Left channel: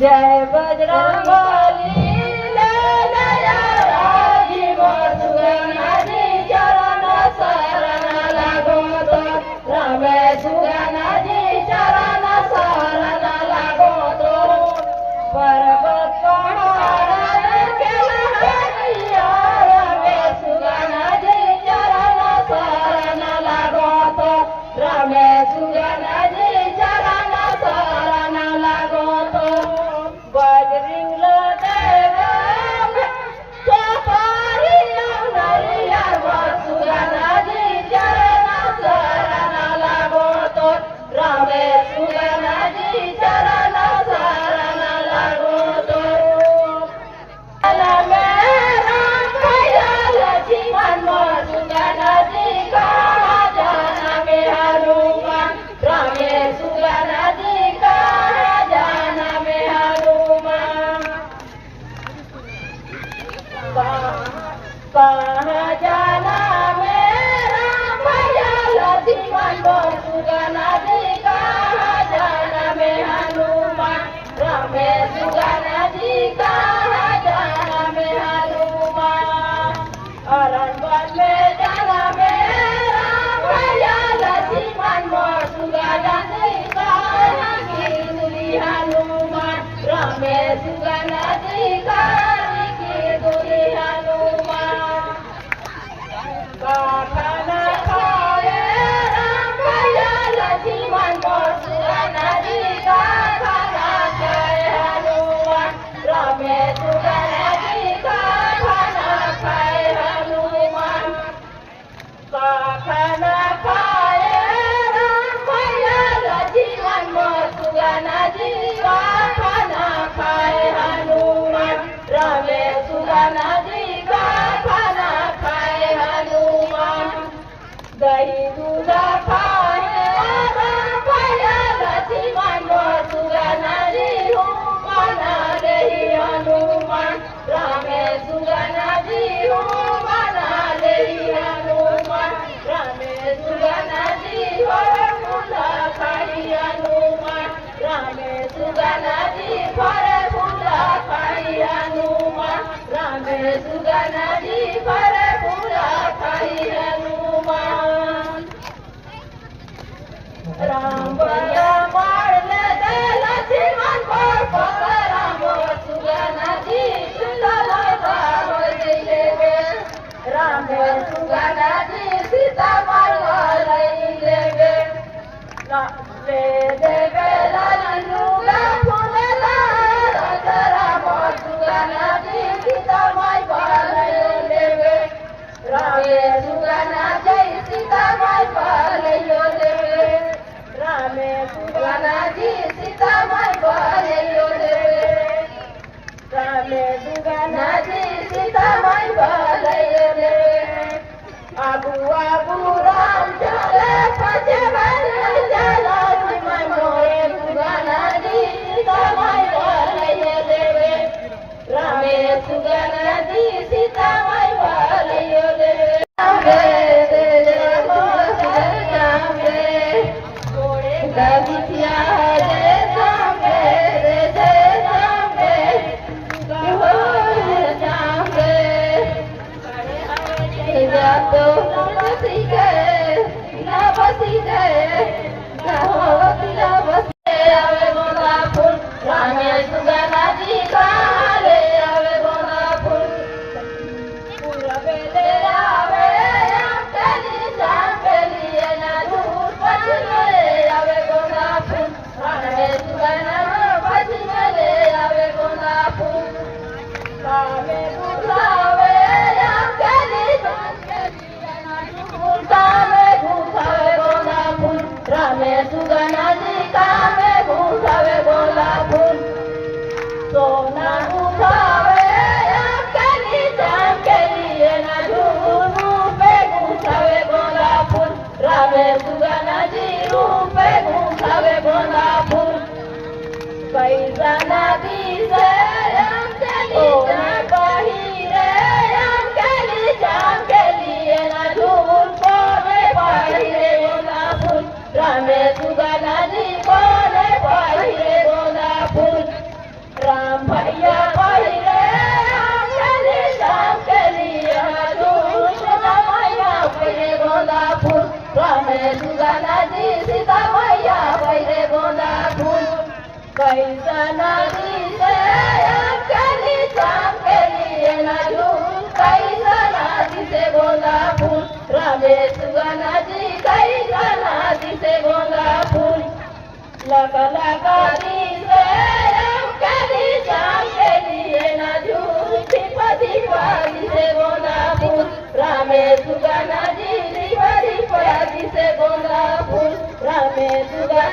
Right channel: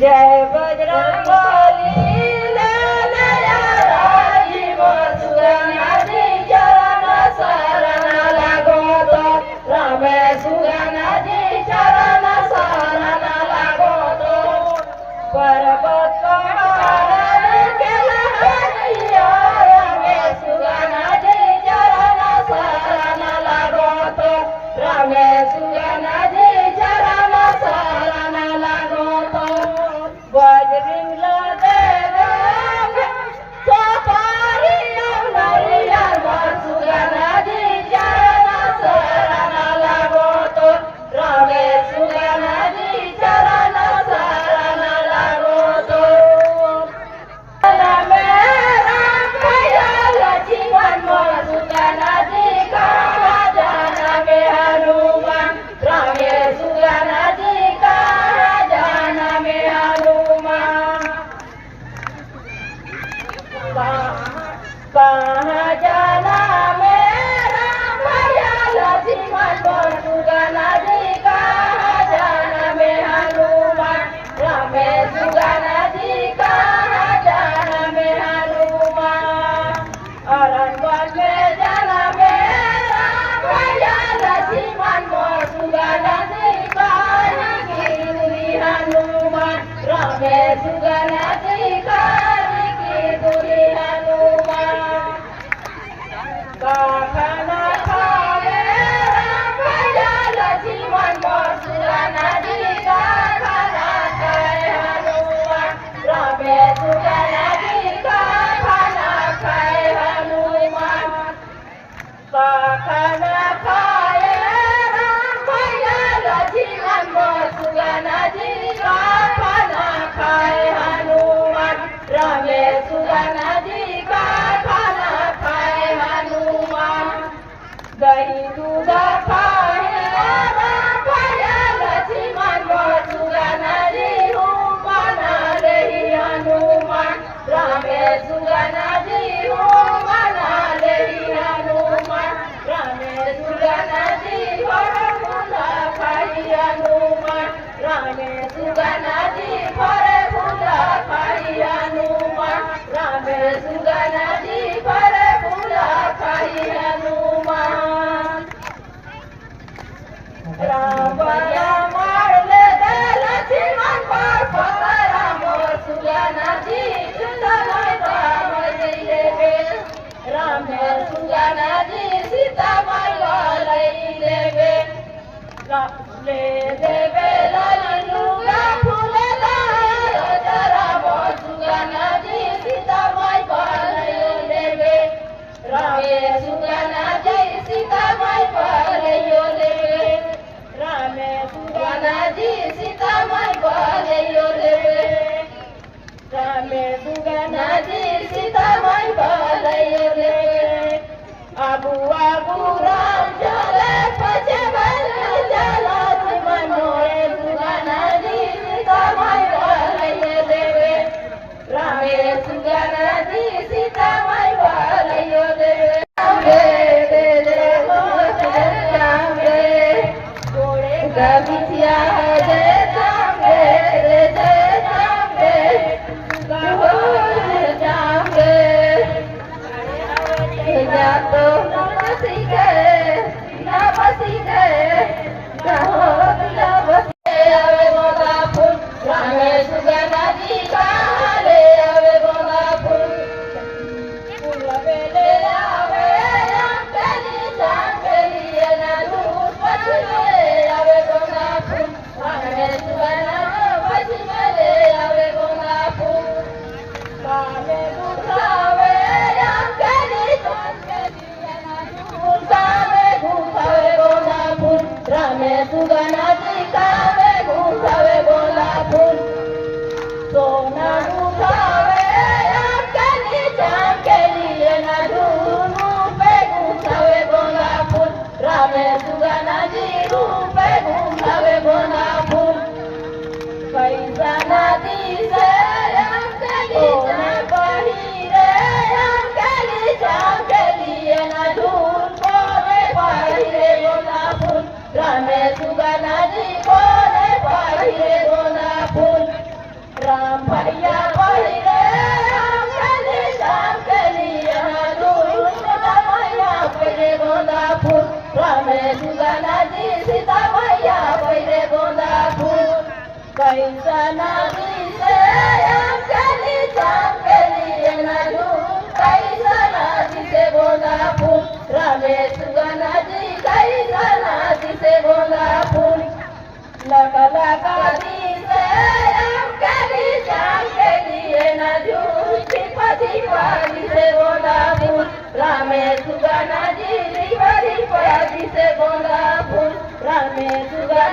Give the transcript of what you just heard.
जय बजरंगबली दयाजी मोर सुगनाजी चरण शरण लागो तो रामे सुगनाजी चरण शरण लागो तो पर्वत पहाड़ केला हरिया रामे सुगनाजी चरण शरण लागो तो रामे सुगनाजी चरण शरण लागो तो बजरिंगला देगा सोपारी नरिया सुगनाजी चरण शरण लागो तो रामे सुगनाजी चरण शरण लागो तो जीवन सुगनाजी का जाना में हनुमान रामे सुगनाजी का जाना में हनुमान कहाँ जाना मेरा भैया जीवन सुगनाजी का जाना में हनुमान रामे सुगनाजी का जाना में हनुमान अरण्य में जाना मेरा भैया जीवन सुगनाजी का दुरी हनुमान रामे सुगनाजी का दुरी हनुमान खाना खाए भैया जीवन सुगनाजी का खाना खाए हनुमान रामे सुगनाजी का खाना खाए हनुमान खाना खाए भैया जीवन सुगनाजी का खाना खाए हनुमान रामे सुगनाजी का खाना खाए हनुमान दही दूध खाए भैया जीवन सुगनाजी हूँ बना रही हनुमान रामे सुगनाजी हूँ बना रही हनुमान रामे सुगनाजी फल फूल खाई हनुमान रामे सुगनाजी फल फूल खाई हनुमान रामे सुगनाजी फल फूल खाई हनुमान राम राम लक्ष्मण राम सुगनाजी सुंदर राम सुगनाजी सीता मारवा लेवे ले देवे लालन लुगा फूल राम सुगनाजी सीता मारवा लेवे रामे सुगनाजी सीता मारवा लेवे रामे सुगनाजी सीता मारवा लेवे रामे सुगनाजी सीता मारवा लेवे आबू आबू राम चले पछे चला मनोरे सुगनाजी सीता मारवा लेवे रामे सुगनाजी सीता मारवा लेवे रामे सुगनाजी का ले आवे गोला फूल बेले आवे चली चली ना दूर पछले आवे गोला फूल रामे सुगनाजी ले आवे गोला फूल कावे दुखावे चली कावे दुखावे गोला फूल रामे सुगनाजी कावे दुखावे गोला फूल सोना उठावे चली चली ना धूम पे घुसावे गोला फूल रामे सुगनाजी रूपे घुसावे गोला फूल कैसा कैसा ना दिसे अमकेली चमकेली नजूम कैसा ना दिसे गोंदा फूल रामे सुगना जी कैसा ना दिसे गोंदा फूल लका लका दिसे अमकेली चमकेली नजूम दीपा दीपा दिसे गोंदा फूल रामे सुगना जी दीपा दीपा दिसे गोंदा फूल रामे सुगना